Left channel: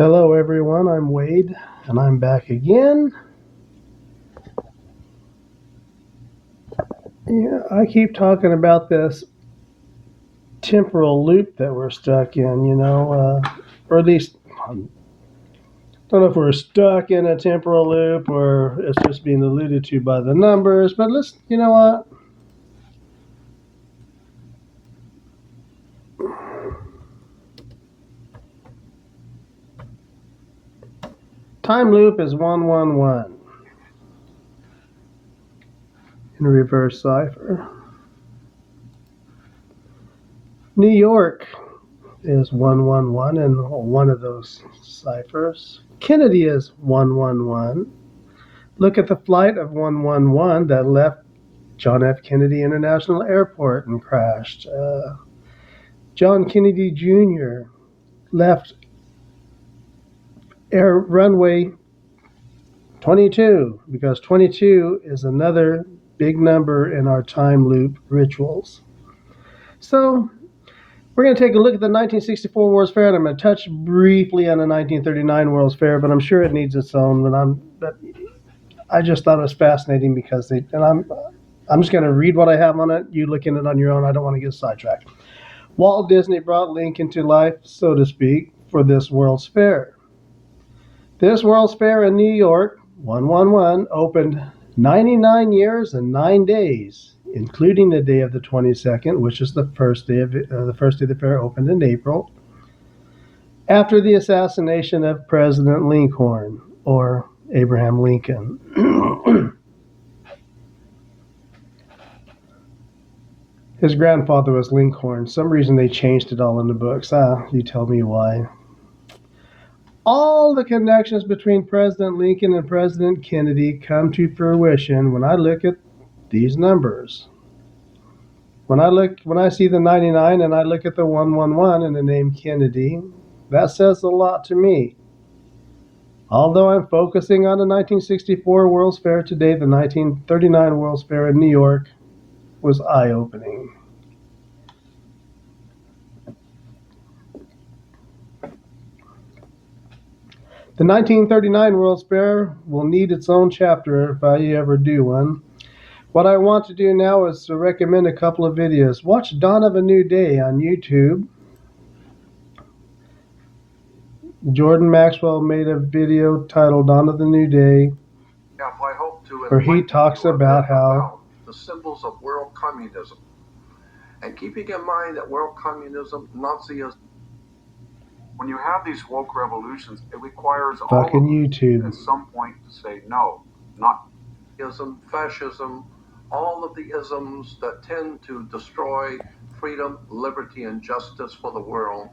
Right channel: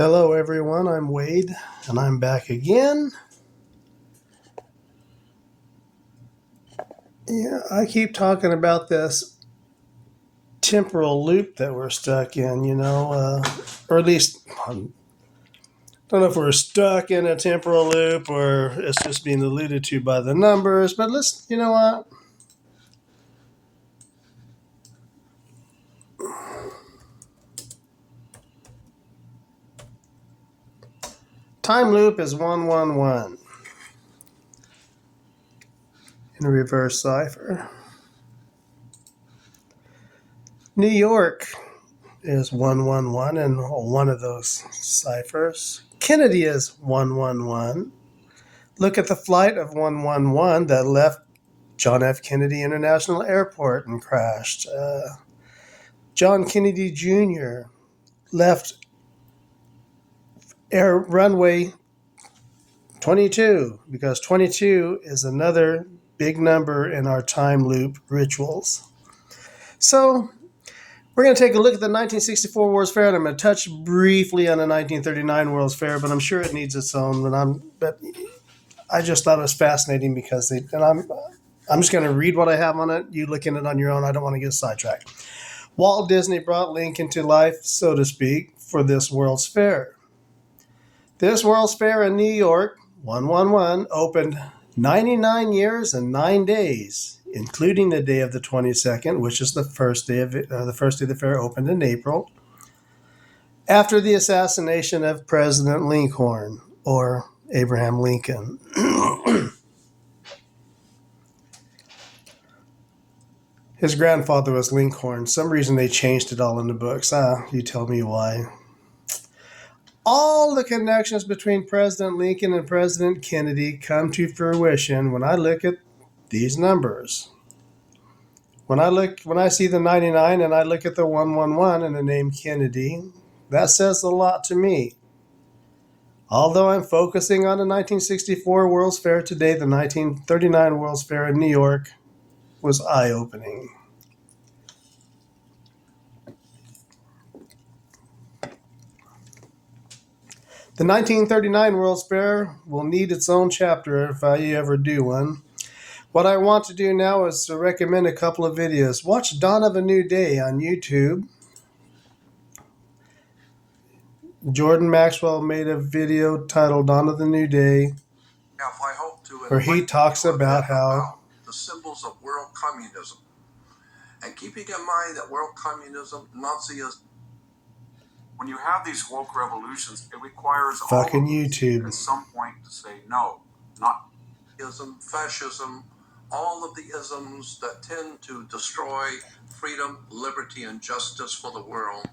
Hello, everyone. I'm Wade, and I'm back again. Yeah, I keep talking about this temporal loop that we're stuck in, or at least I don't know if we're stuck in a temporal loop or it's just being alluded to by the numbers. But you know what? Time loop is 111 in reverse cipher. New York is 111 in one of those ciphers. Kennedy is 111. Look at the flight of 111 that left John F. Kennedy International Airport and crashed. John Kennedy Jr. left runway 22 because 22 is another big number in our time loop rituals. So we're going to take a look at the 1964 World's Fair, and I'm going to touch briefly on the 1939 World's Fair, but I'm sure it needs its own. But I just thought it was fascinating because I'm just going to read what I have on it. You look in it on your own. I don't want to get sidetracked. Walt Disney brought Lincoln to life, so to speak, for this World's Fair. This World's Fair in New York, 111, opened 99 years and 9 days, including the day of the 22nd, which is the first day of the fair opened in April, after the assassination of President Lincoln, or Abraham Lincoln. His grandfather was Lincoln. Some reason they changed it all in the books. You tell me why. All the connections between President Lincoln and President Kennedy come to fruition when I look at these numbers. When I see the 99 and I look at the 111 and the name Kennedy, that says a lot to me. Although I'm focusing on the 1964 World's Fair today, the 1939 World's Fair in New York was eye-opening. The 1939 World's Fair will need its own chapter if I ever do one. What I want to do now is to recommend a couple of videos. Watch Dawn of a New Day on YouTube. Jordan Maxwell made a video titled Dawn of the New Day, where he talks about how the symbols of world communism. And keeping in mind that world communism, Nazism, when you have these woke revolutions, it requires fucking YouTube at some point to say no, not fascism, all of the isms that tend to destroy freedom, liberty, and justice for the world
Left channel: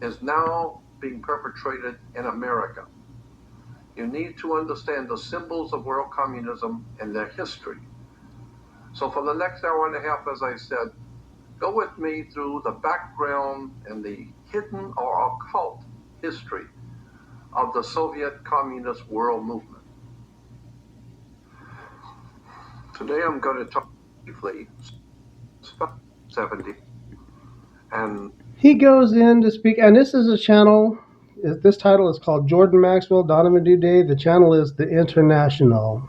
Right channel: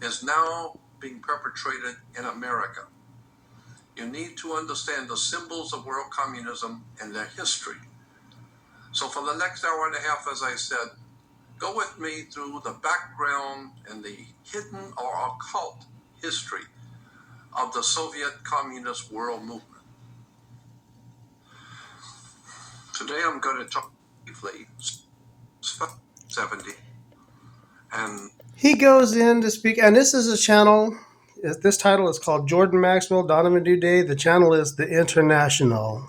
is now being perpetrated in America. You need to understand the symbols of world communism and their history. So for the next hour and a half, as I said, go with me through the background and the hidden or occult history of the Soviet Communist world movement. Today I'm going to talk briefly 70. And he goes in to speak, and this is a channel. This title is called Jordan Maxwell, Dawn of a New Day. The channel is The International.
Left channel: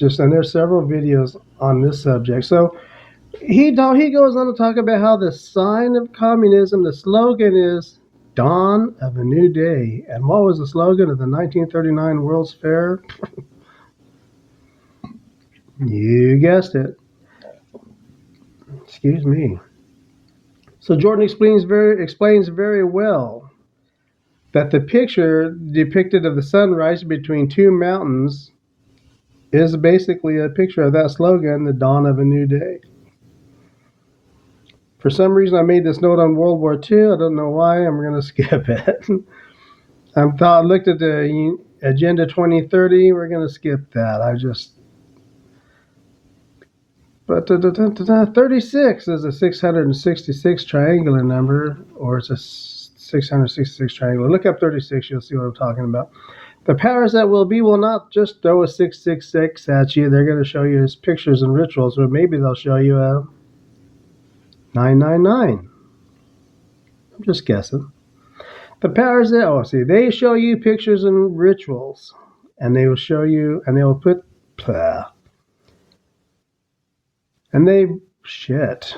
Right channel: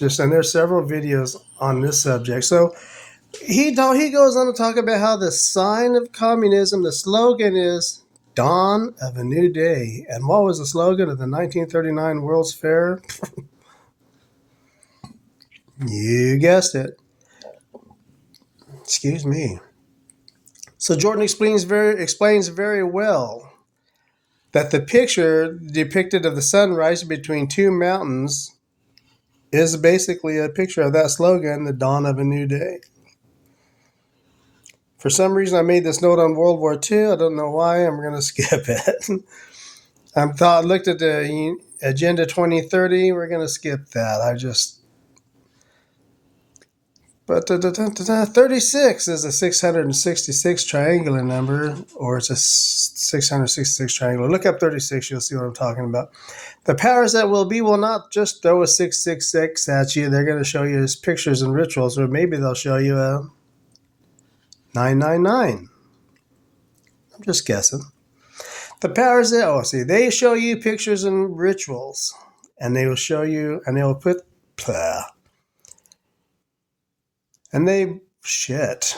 And there's several videos on this subject. So he goes on to talk about how the sign of communism, the slogan is Dawn of a New Day. And what was the slogan of the 1939 World's Fair? You guessed it. Excuse me. So Jordan explains very well that the picture depicted of the sun rising between two mountains is basically a picture of that slogan, the Dawn of a New Day. For some reason, I made this note on World War II. I don't know why. I'm going to skip it. I looked at the Agenda 2030. We're going to skip that. But 36 is a 666 triangular number, or it's a 666 triangular. Look up 36. You'll see what I'm talking about. The powers that will be will not just throw a 666 at you. They're going to show you his pictures and rituals, or maybe they'll show you a 999. I'm just guessing. The powers that, oh, see, they show you pictures and rituals, and they will show you, and they will put, blah, and they, shit.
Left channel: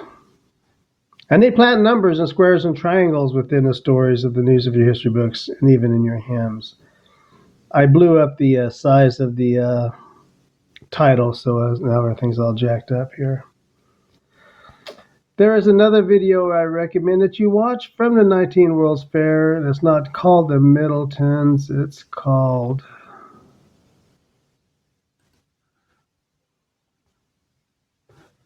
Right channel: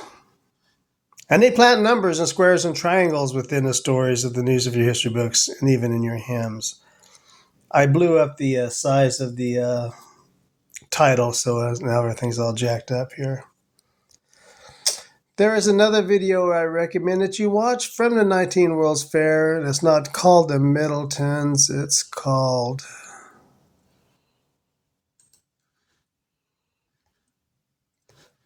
And they plant numbers and squares and triangles within the stories of the news of your history books and even in your hymns. I blew up the size of the title, so now everything's all jacked up here. There is another video I recommend that you watch from the 19 World's Fair. And it's not called the Middletons. It's called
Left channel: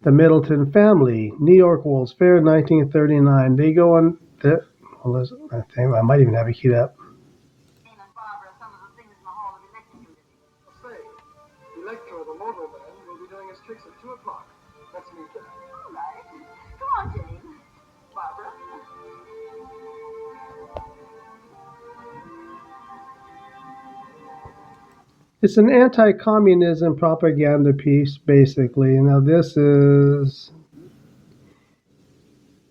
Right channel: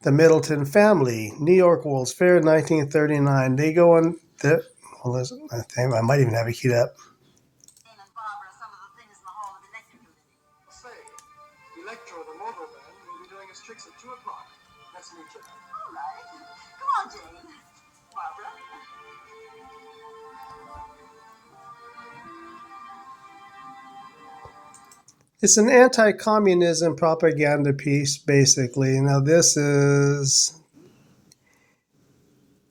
The Middleton Family, New York World's Fair, 1939. They go on the, well, I think I might even have it queued up. Say, Electro the Motor Man will be doing his tricks at 2 o'clock. That's me, Jack. All right. Come on, Jane. Barbara. It's an anti-communism propaganda piece, basically. Now, this is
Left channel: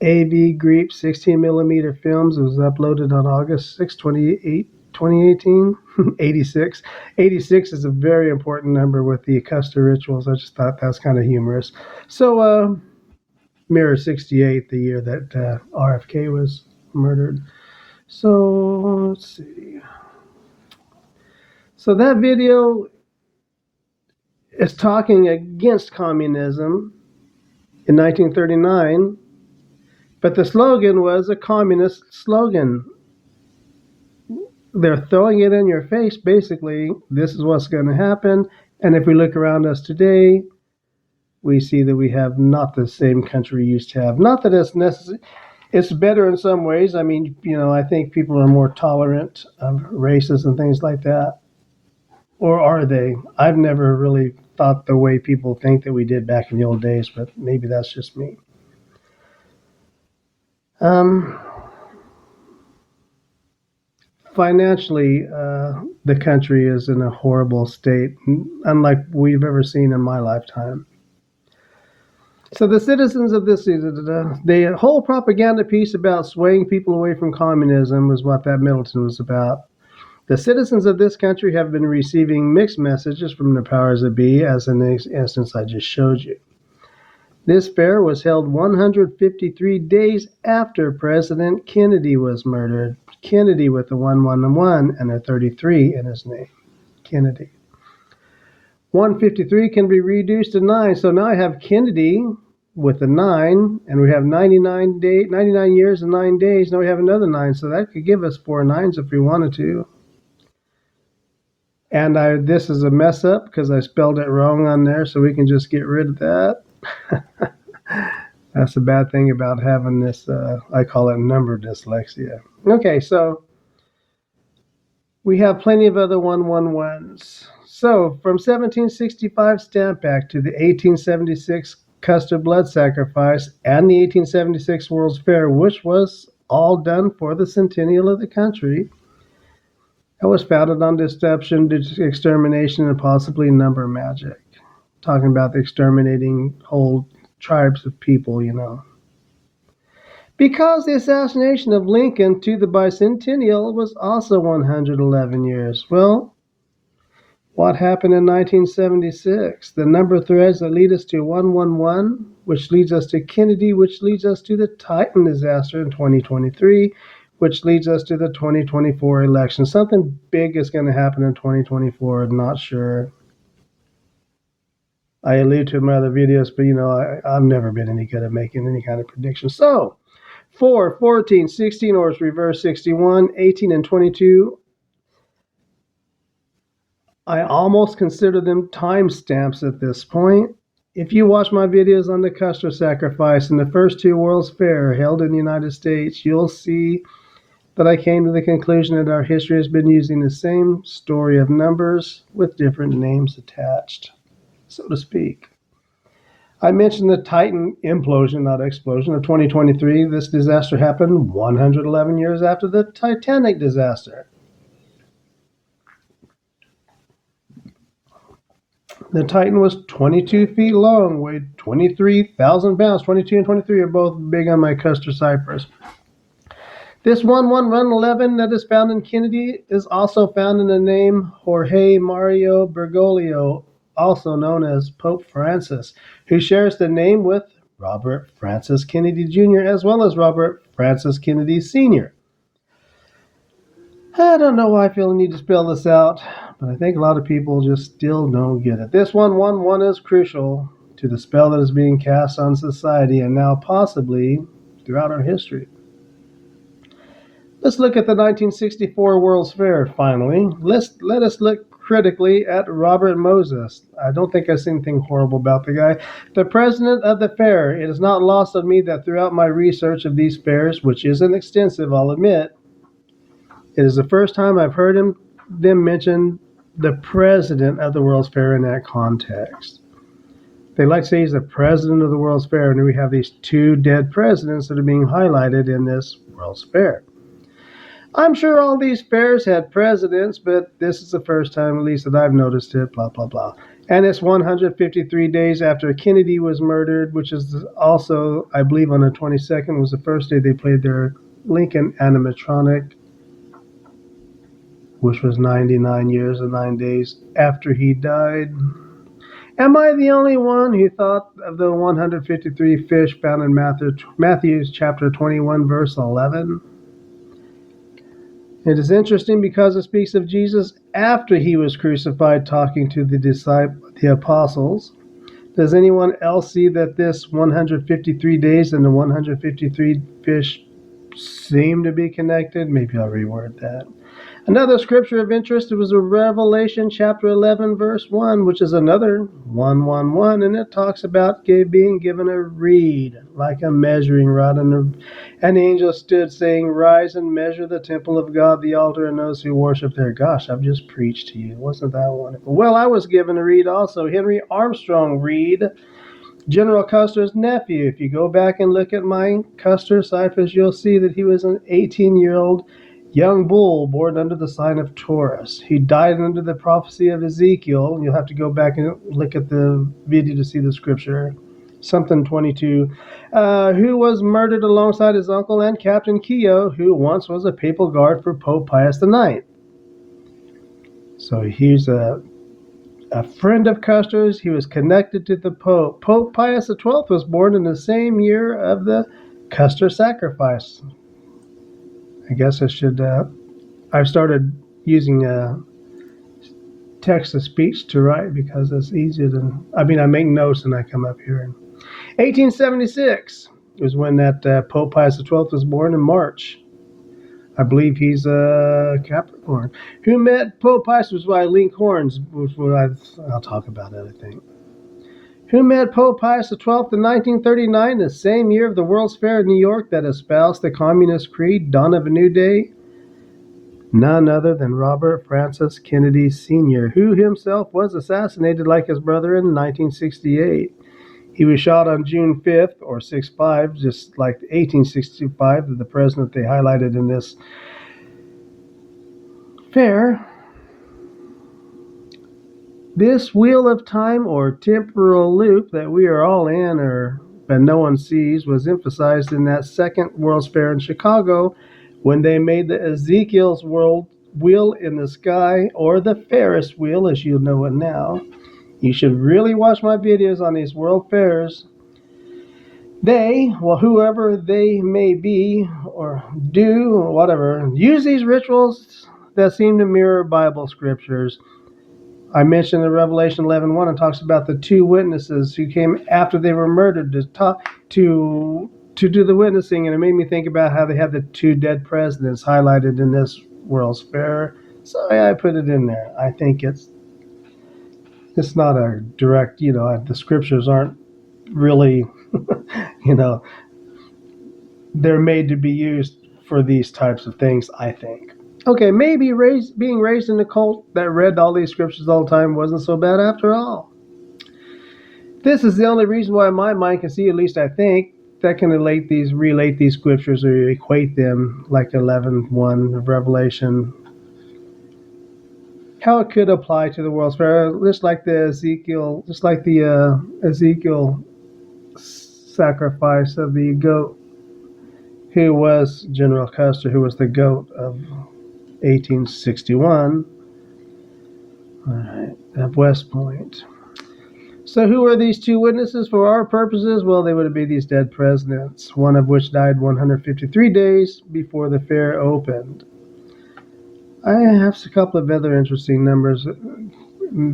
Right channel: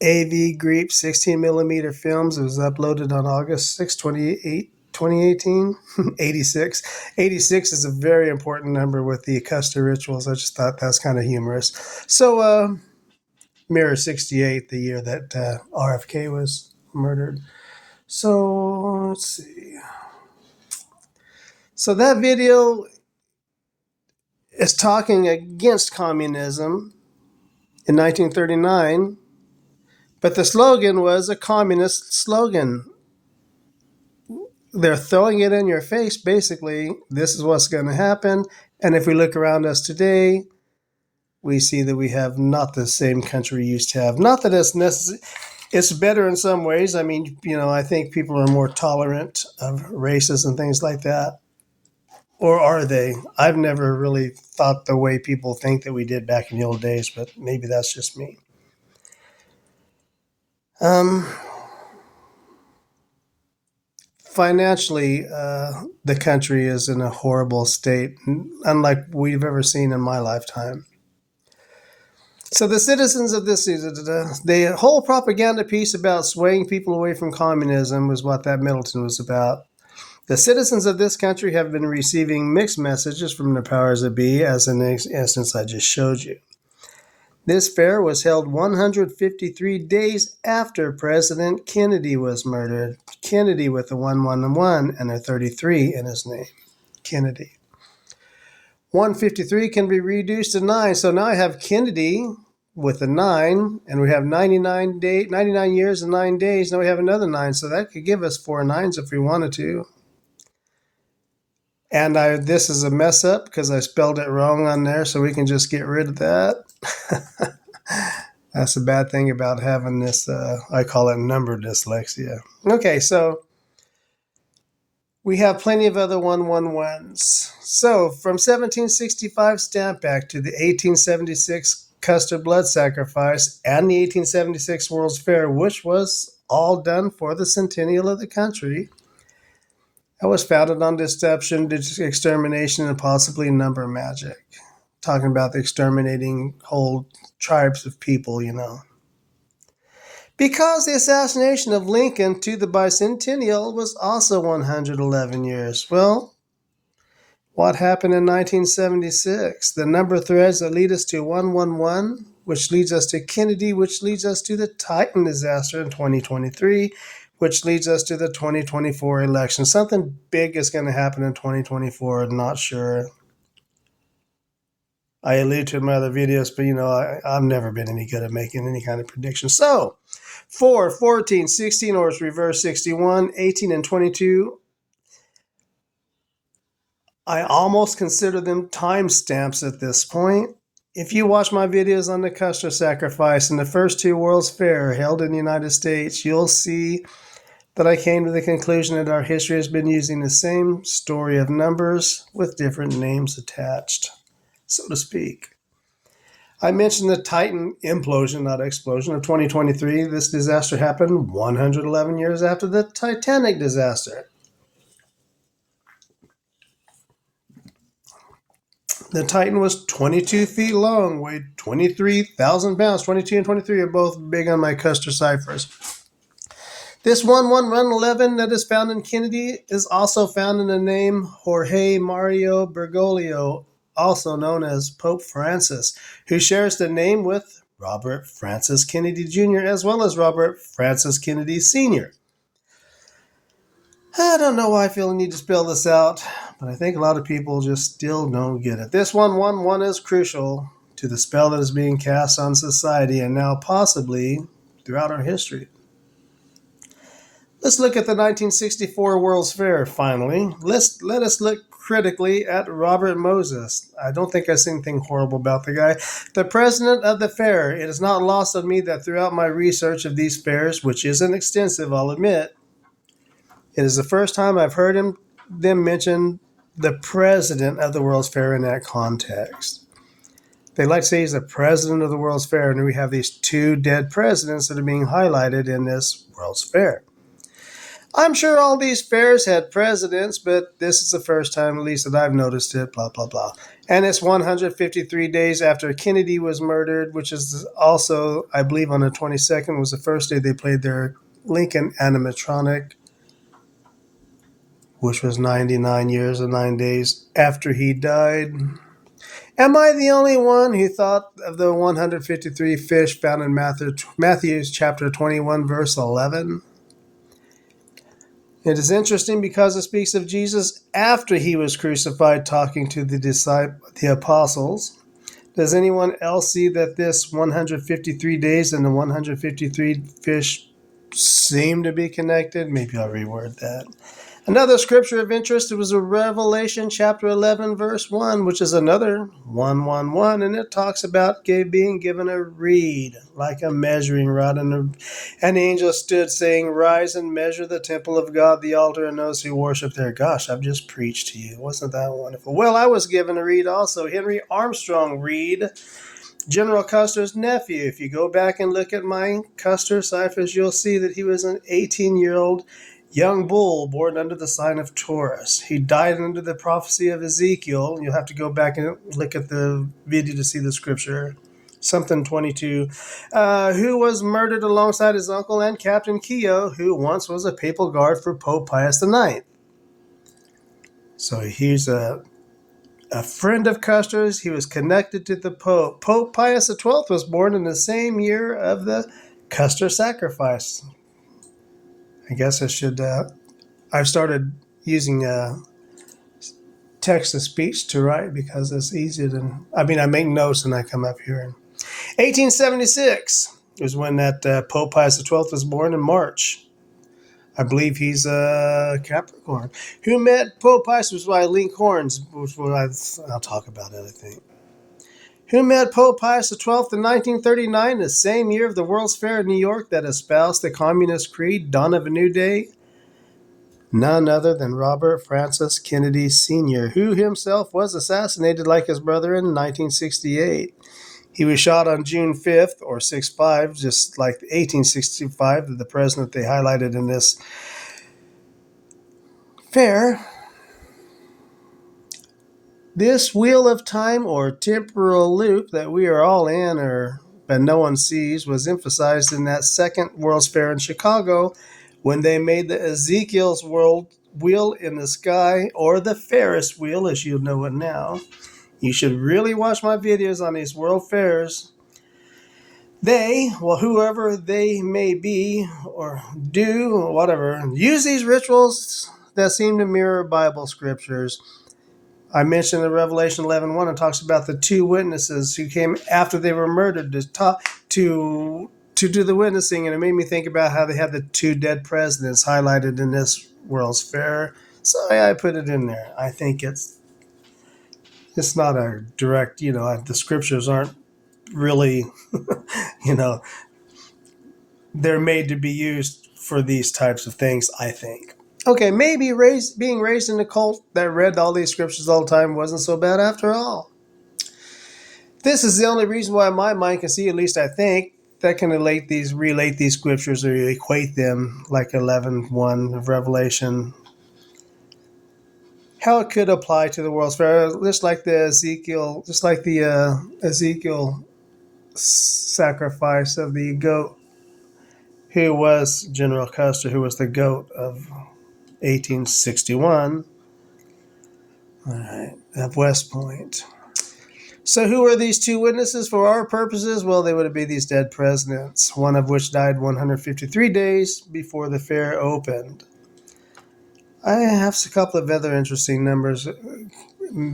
AV Greep 16 millimeter films. It was uploaded on August 6, 2018. 86. 86 is a very important number with the Custer rituals. I just thought that's kind of humorous. So, Mirror 68, the year that RFK was murdered. So, let's see. So that video is talking against communism in 1939, but the slogan was a communist slogan. They're throwing it in your face, basically. This is what's going to happen. And if we look around us today, we see that we have not the same country we used to have. Not that it's necessary. It's better in some ways. I mean, I think people are more tolerant of races and things like that. Or are they? I've never really thought the way people think that we did back in the old days, but maybe that's just me. Financially, the country is in a horrible state, unlike we've ever seen in my lifetime. So the citizens of this, the whole propaganda piece about swaying people away from communism was what that Middleton was about. The citizens of this country have been receiving mixed messages from the powers that be, as in the instance I just showed you. This fair was held 153 days after President Kennedy was murdered. Kennedy with the 111 and a 33 in his name. Kennedy. 153 can be reduced to 9. So now I have Kennedy with a 9, and we have 99 years and 9 days. Now we have another 9, so that could give us 4 9s if we wanted to. And this is a mess up because I spelled it wrong on there, so we can just get rid of that. That's the bad thing about having this, I call it number dyslexia. Okay, so we have plenty of other 111s. So from 1765 Stamp Act to the 1876 Custer blood sacrifice and the 1876 World's Fair, which was all done for the centennial of the country, that was founded on deception, extermination, and possibly number magic. Talking about the exterminating whole tribes of people, Because the assassination of Lincoln to the bicentennial was also 111 years. Well, what happened in 1976? The number of threads that lead us to 111, which leads us to Kennedy, which leads us to the Titan disaster in 2023, which leads us to the 2024 election. Something big is going to happen in 2024. Not sure. I allude to in my other videos, but I've never been any good at making any kind of prediction. So, 4, 14, 16, or it's reverse 61, 18, and 22. I almost consider them timestamps at this point. If you watch my videos on the Custer sacrifice and the first 2 World's Fair held in the United States, you'll see that I came to the conclusion that our history has been using the same story of numbers with different names attached, so to speak. I mentioned the Titan implosion, not explosion, of 2023. This disaster happened 111 years after the Titanic disaster. The Titan was 22 feet long, weighed 23,000 pounds. 22 and 23 are both big on my Custer ciphers. This 111 that is found in Kennedy is also found in the name Jorge Mario Bergoglio, also known as Pope Francis, who shares the name with Robert Francis Kennedy Jr. as well as Robert Francis Kennedy Sr. I don't know why I feel the need to spell this out, but I think a lot of people just still don't get it. This 111 is crucial to the spell that is being cast on society and now possibly throughout our history. Let's look at the 1964 World's Fair finally. Let us look critically at Robert Moses. I don't think I see anything horrible about the guy. The president of the fair. It is not lost on me that throughout my research of these fairs, which isn't extensive, I'll admit, it is the first time I've heard them mention the president of the World's Fair in that context. They like to say he's the president of the World's Fair, and we have these two dead presidents that are being highlighted in this World's Fair. I'm sure all these fairs had presidents, but this is the first time, at least, that I've noticed it, blah, blah, blah. And it's 153 days after Kennedy was murdered, which is also, I believe, on the 22nd was the first day they played their Lincoln animatronic, which was 99 years and 9 days after he died. Am I the only one who thought of the 153 fish found in Matthew chapter 21, verse 11? It is interesting because it speaks of Jesus after he was crucified talking to the apostles. Does anyone else see that this 153 days and the 153 fish seem to be connected? Maybe I'll reword that. Another scripture of interest was Revelation chapter 11, verse 1, which is another 111, and it talks about being given a reed, like a measuring rod. And the angel stood saying, "Rise and measure the temple of God, the altar, and those who worship there." Gosh, I've just preached to you. Wasn't that wonderful? Well, I was given a reed also. Henry Armstrong Reed, General Custer's nephew. If you go back and look at my Custer ciphers, you'll see that he was an 18-year-old young bull born under the sign of Taurus. He died under the prophecy of Ezekiel. You'll have to go back and look at the video to see the scripture. Something 22. Who was murdered alongside his uncle and Captain Keogh, who once was a papal guard for Pope Pius IX. So he's a friend of Custer's. He was connected to the Pope. Pope Pius XII was born in the same year of the Custer sacrifice. I guess I should, I've started using text-to-speech to write because it's easier than, I make notes and I come up here. 1876 was when that Pope Pius XII was born in March. I believe he's a Capricorn. Who met Pope Pius was by Link Horns, which I'll talk about that, I think. Who met Pope Pius XII in 1939, the same year of the World's Fair in New York that espoused the Communist Creed, dawn of a new day? None other than Robert Francis Kennedy Sr., who himself was assassinated like his brother in 1968. He was shot on June 5th, or 6/5, just like 1865, the president they highlighted in this fair. This wheel of time or temporal loop that we are all in but no one sees was emphasized in that second World's Fair in Chicago when they made the Ezekiel's wheel in the sky, or the Ferris wheel as you know it now. You should really watch my videos on these world fairs. Whoever they may be or do or whatever, use these rituals that seem to mirror Bible scriptures. I mentioned in Revelation 11:1, it talks about the two witnesses who came after they were murdered to do the witnessing, and it made me think about how they have the two dead presidents highlighted in this World's Fair. So I put it in there. I think it's not a direct, the scriptures aren't really, they're made to be used for these types of things, I think. Okay, maybe being raised in a cult that read all these scriptures all the time wasn't so bad after all. This is the only reason why my mind can see, at least I think, that can relate these scriptures or equate them like 11:1 of Revelation. How it could apply to the World's Fair, just like the Ezekiel sacrifice of the goat. who was General Custer, who was the GOAT of 1861. All right, at West Point. So who are these two witnesses for our purposes? Well, they would be these dead presidents, one of which died 153 days before the fair opened. I have a couple of other interesting numbers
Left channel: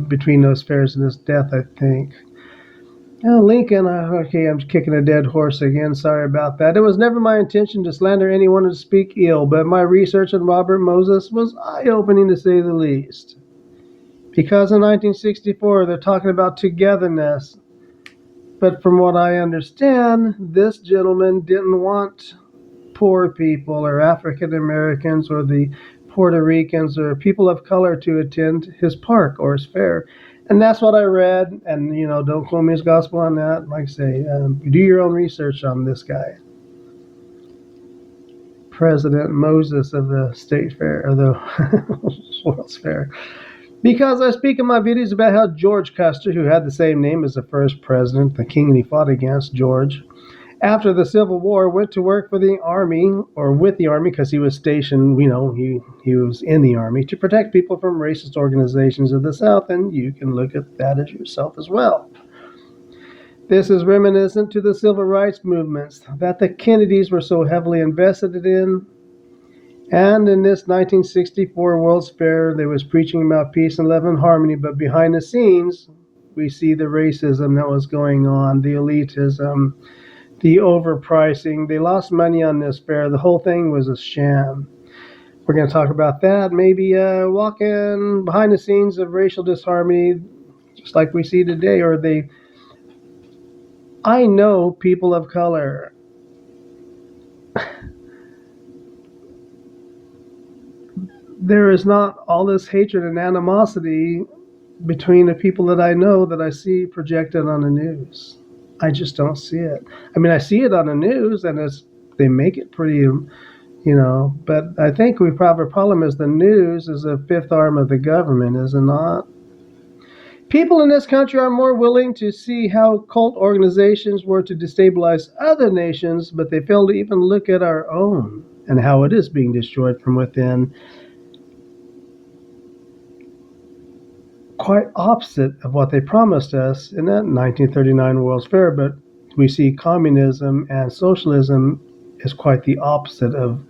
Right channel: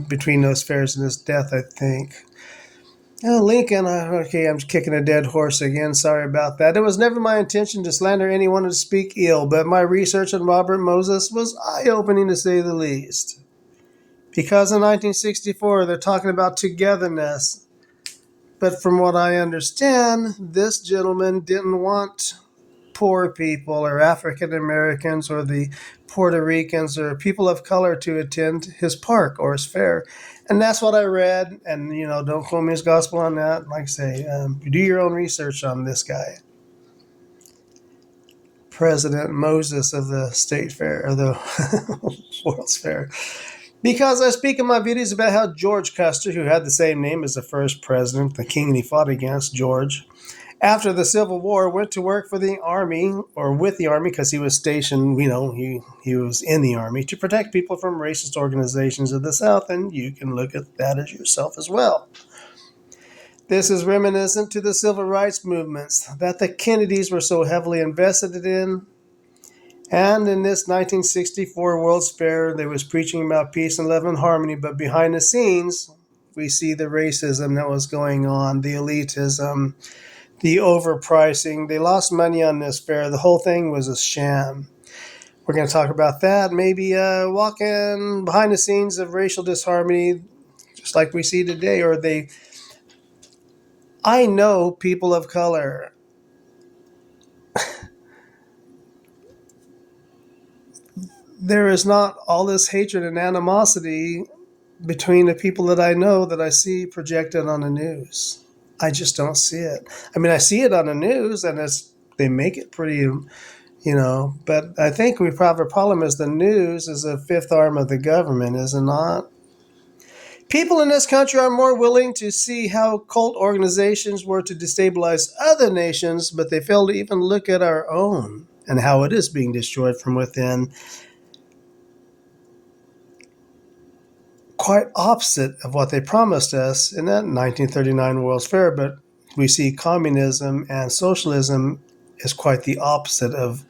between those fairs and his death, I think. Lincoln, okay, I'm kicking a dead horse again. Sorry about that. It was never my intention to slander anyone or to speak ill, but my research on Robert Moses was eye-opening to say the least. Because in 1964, they're talking about togetherness. But from what I understand, this gentleman didn't want poor people or African Americans or the Puerto Ricans or people of color to attend his park or his fair. And that's what I read. And, don't quote me as gospel on that. Like I say, do your own research on this guy. President Moses of the State Fair, or the World's Fair. Because I speak in my videos about how George Custer, who had the same name as the first president, the king he fought against, George, after the Civil War, went to work for the Army, or with the Army, because he was stationed, he was in the Army, to protect people from racist organizations of the South, and you can look at that as yourself as well. This is reminiscent to the civil rights movements that the Kennedys were so heavily invested in. And in this 1964 World's Fair, they was preaching about peace and love and harmony, but behind the scenes, we see the racism that was going on, the elitism, the overpricing. They lost money on this fair. The whole thing was a sham. We're going to talk about that. Maybe walking behind the scenes of racial disharmony, just like we see today. I know people of color. There is not all this hatred and animosity between the people that I know that I see projected on the news. I just don't see it. I mean, I see it on the news, and they make it pretty, but I think we probably problem is the news is a fifth arm of the government, is it not? People in this country are more willing to see how cult organizations were to destabilize other nations, but they fail to even look at our own and how it is being destroyed from within. Quite opposite of what they promised us in that 1939 World's Fair, but we see communism and socialism is quite the opposite of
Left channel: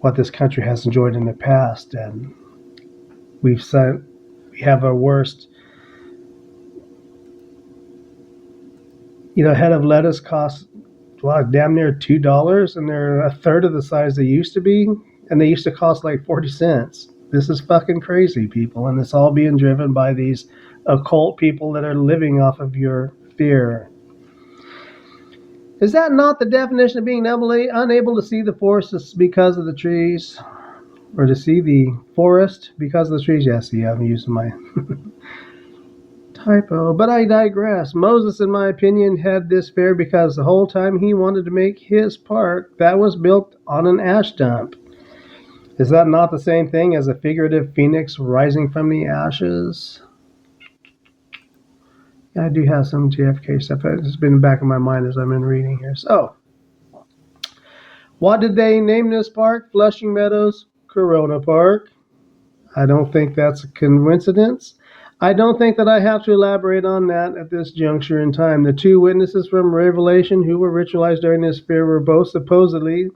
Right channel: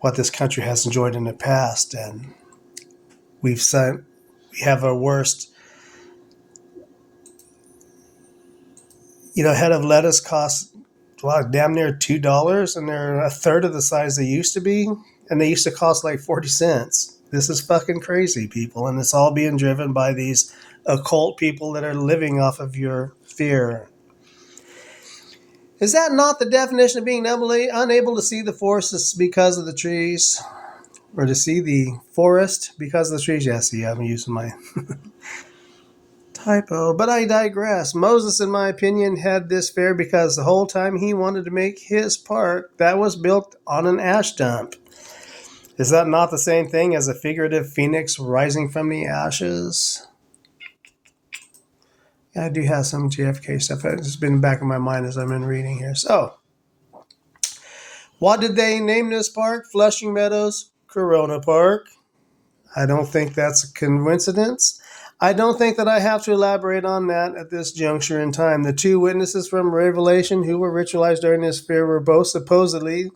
what this country has enjoyed in the past, and we have our worst. A head of lettuce costs damn near $2, and they're a third of the size they used to be, and they used to cost like 40 cents. This is fucking crazy, people, and it's all being driven by these occult people that are living off of your fear. Is that not the definition of being unable to see the forests because of the trees? Or to see the forest because of the trees? Yes, see, I'm using my typo, but I digress. Moses, in my opinion, had this fair because the whole time he wanted to make his park that was built on an ash dump. Is that not the same thing as a figurative phoenix rising from the ashes? Yeah, I do have some JFK stuff. It's been in the back of my mind as I've been reading here. So, what did they name this park? Flushing Meadows Corona Park. I don't think that's a coincidence. I don't think that I have to elaborate on that at this juncture in time. The two witnesses from Revelation who were ritualized during this fair were both supposedly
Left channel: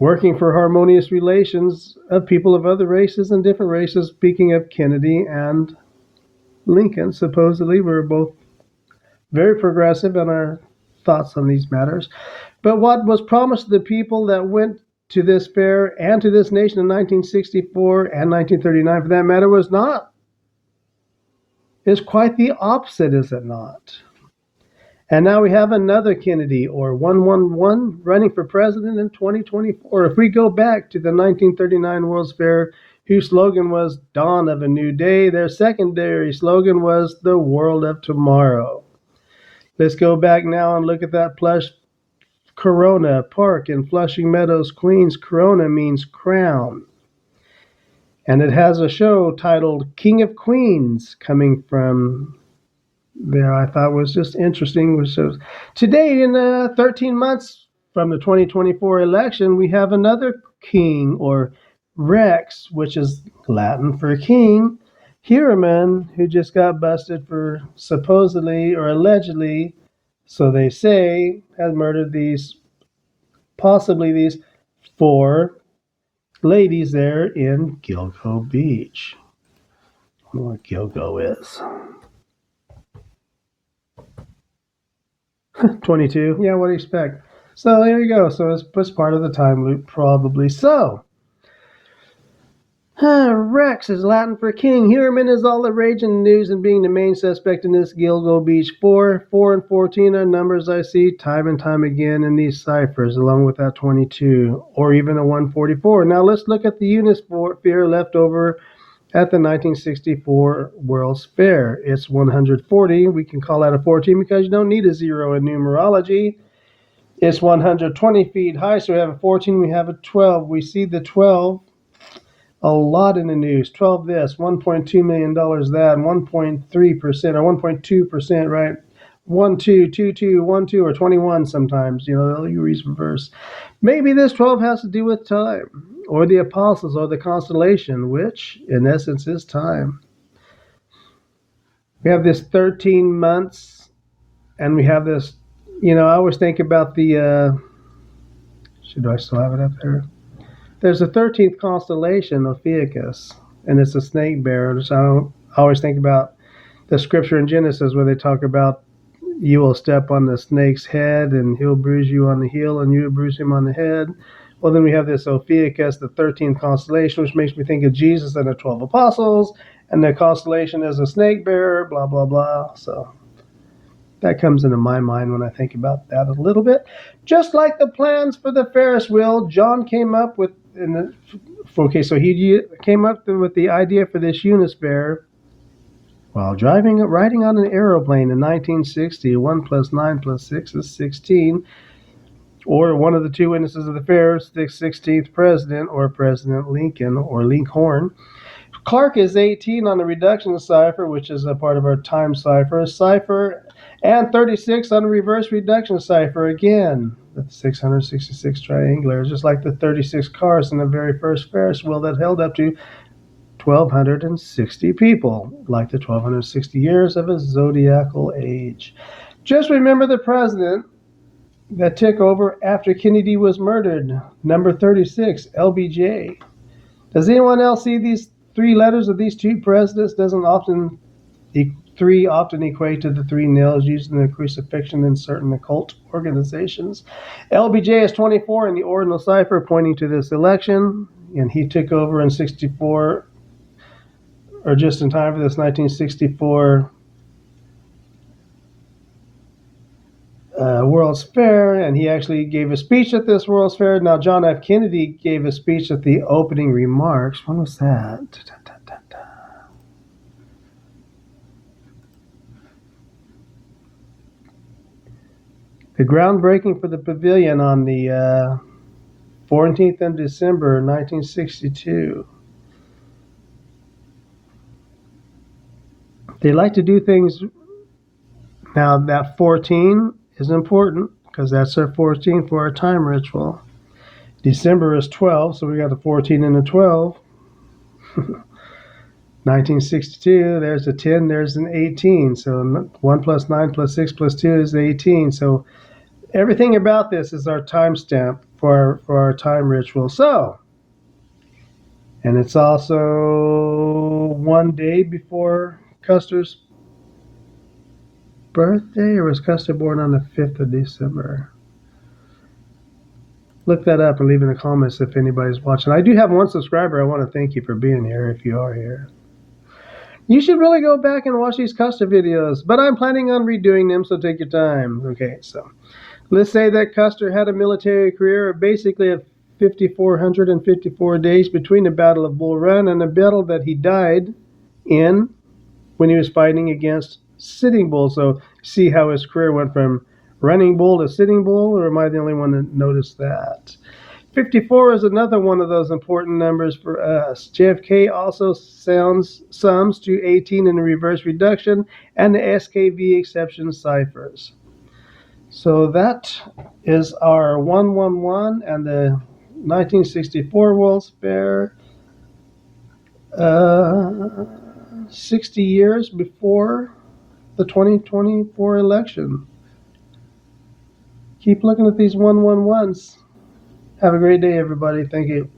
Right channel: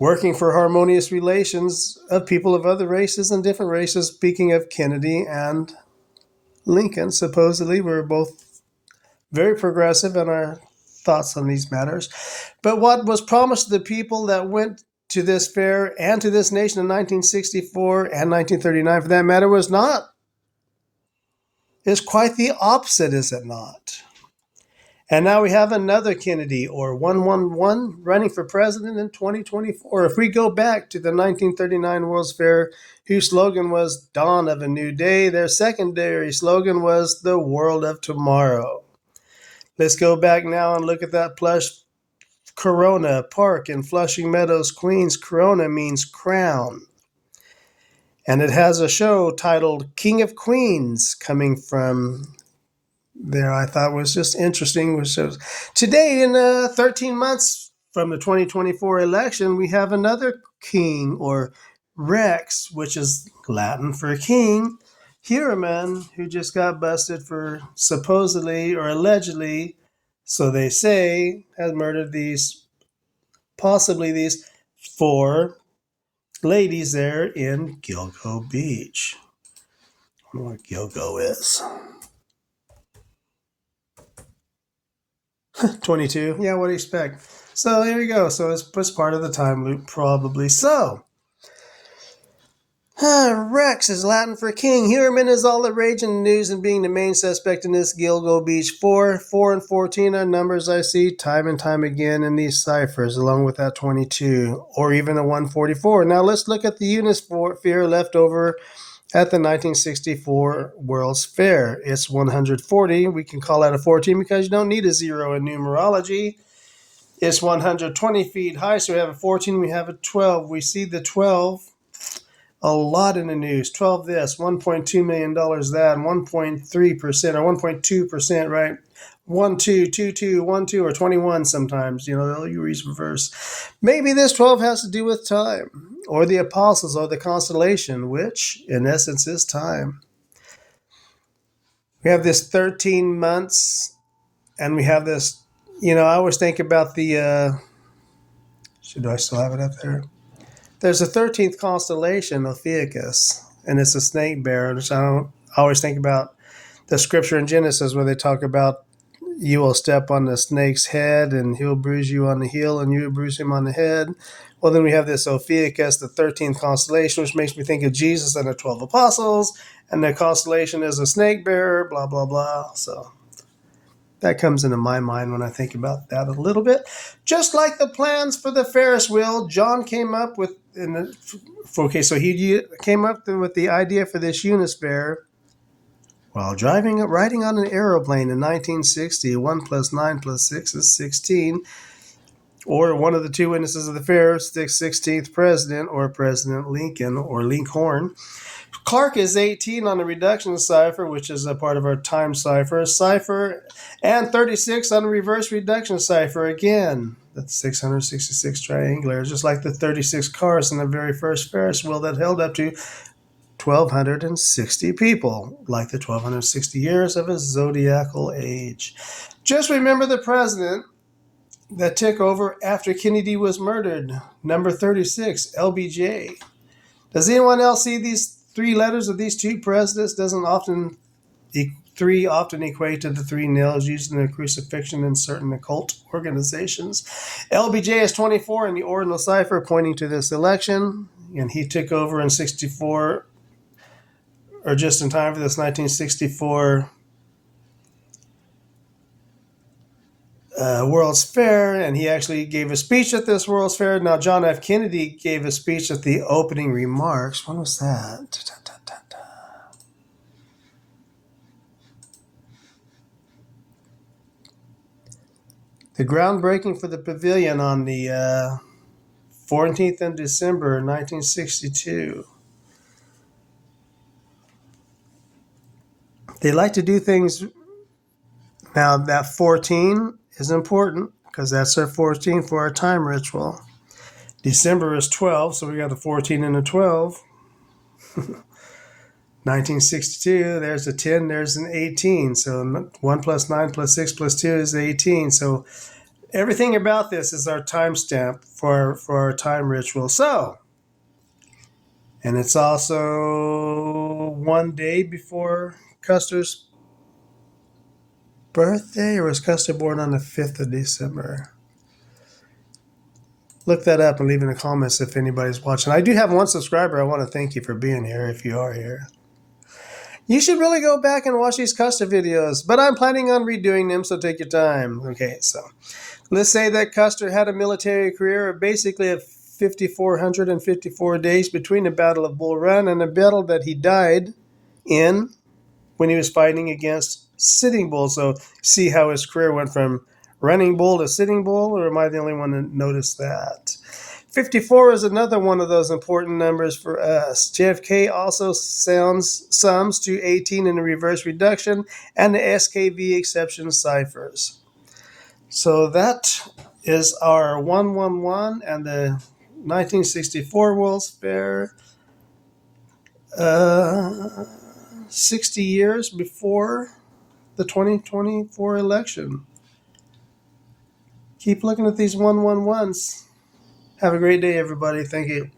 working for harmonious relations of people of other races and different races. Speaking of Kennedy and Lincoln, supposedly we're both very progressive in our thoughts on these matters. But what was promised to the people that went to this fair and to this nation in 1964 and 1939, for that matter, was not. It's quite the opposite, is it not? And now we have another Kennedy, or 111, running for president in 2024. If we go back to the 1939 World's Fair, whose slogan was Dawn of a New Day, their secondary slogan was The World of Tomorrow. Let's go back now and look at that plush Corona Park in Flushing Meadows, Queens. Corona means crown. And it has a show titled King of Queens coming from there. I thought was just interesting. Today, in 13 months from the 2024 election, we have another king, or Rex, which is Latin for king, Heuermann, who just got busted for supposedly or allegedly, so they say, has murdered possibly these 4 ladies there in Gilgo Beach. I don't know what Gilgo is. 22. Yeah, what do you expect? So there you go. So it's part of the time loop, probably. So, Rex is Latin for king. Heuermann is all the rage in the news and being the main suspect in this Gilgo Beach 4. 4 and 14 are numbers I see time and time again in these ciphers, along with that 22, or even the 144. Now let's look at the Unisphere left over at the 1964 World's Fair. It's 140. We can call that a 14 because you don't need a 0 in numerology. It's 120 feet high, so we have a 14, we have a 12. We see the 12 a lot in the news. 12 this, $1.2 million that, 1.3% or 1.2%, right? 1, 2, 2, 2, 1, 2, or 21 sometimes. You know, you reverse. Maybe this 12 has to do with time, or the apostles, or the constellation, which in essence is time. We have this 13 months, and we have this, you know, I always think about the, do I still have it up there? There's a 13th constellation, Ophiuchus, and it's a snake bearer, which I always think about the scripture in Genesis where they talk about you will step on the snake's head and he'll bruise you on the heel and you will bruise him on the head. Well, then we have this Ophiuchus, the 13th constellation, which makes me think of Jesus and the 12 apostles, and the constellation is a snake bearer, blah, blah, blah. So that comes into my mind when I think about that a little bit. Just like the plans for the Ferris wheel, John came up with, so he came up with the idea for this Unisphere while riding on an aeroplane in 1960. 1 plus 9 plus 6 is 16. Or one of the 2 witnesses of the fair, the 16th president, or President Lincoln, or Lincoln. Clark is 18 on the reduction cipher, which is a part of our time cipher, and 36 on the reverse reduction cipher. Again, that's 666 triangular, just like the 36 cars in the very first Ferris wheel that held up to 1,260 people, like the 1,260 years of a zodiacal age. Just remember the president that took over after Kennedy was murdered, number 36, LBJ. Does anyone else see these 3 letters of these 2 presidents? Doesn't 3 often equate to the 3 nails used in the crucifixion in certain occult organizations. LBJ is 24 in the ordinal cipher, pointing to this election, and he took over in 64, or just in time for this 1964 World's Fair, and he actually gave a speech at this World's Fair. Now, John F. Kennedy gave a speech at the opening remarks. When was that? The groundbreaking for the pavilion on the 14th of December, 1962. They like to do things. Now, that 14 is important because that's our 14 for our time ritual. December is 12, so we got the 14 and the 12. 1962, there's a 10, there's an 18. So 1 plus 9 plus 6 plus 2 is 18. So everything about this is our timestamp for our time ritual. So, and it's also 1 day before Custer's birthday, or was Custer born on the 5th of December? Look that up and leave in the comments if anybody's watching. I do have 1 subscriber. I want to thank you for being here if you are here. You should really go back and watch these Custer videos, but I'm planning on redoing them, so take your time. Okay, so let's say that Custer had a military career of basically of 5,454 days between the Battle of Bull Run and the battle that he died in when he was fighting against Sitting Bull. So see how his career went from Running Bull to Sitting Bull, or am I the only one that noticed that? 54 is another one of those important numbers for us. JFK also sums to 18 in the reverse reduction and the SKV exception ciphers. So that is our 111 and the 1964 World's Fair, 60 years before the 2024 election. Keep looking at these 111s. Have a great day, everybody. Thank you.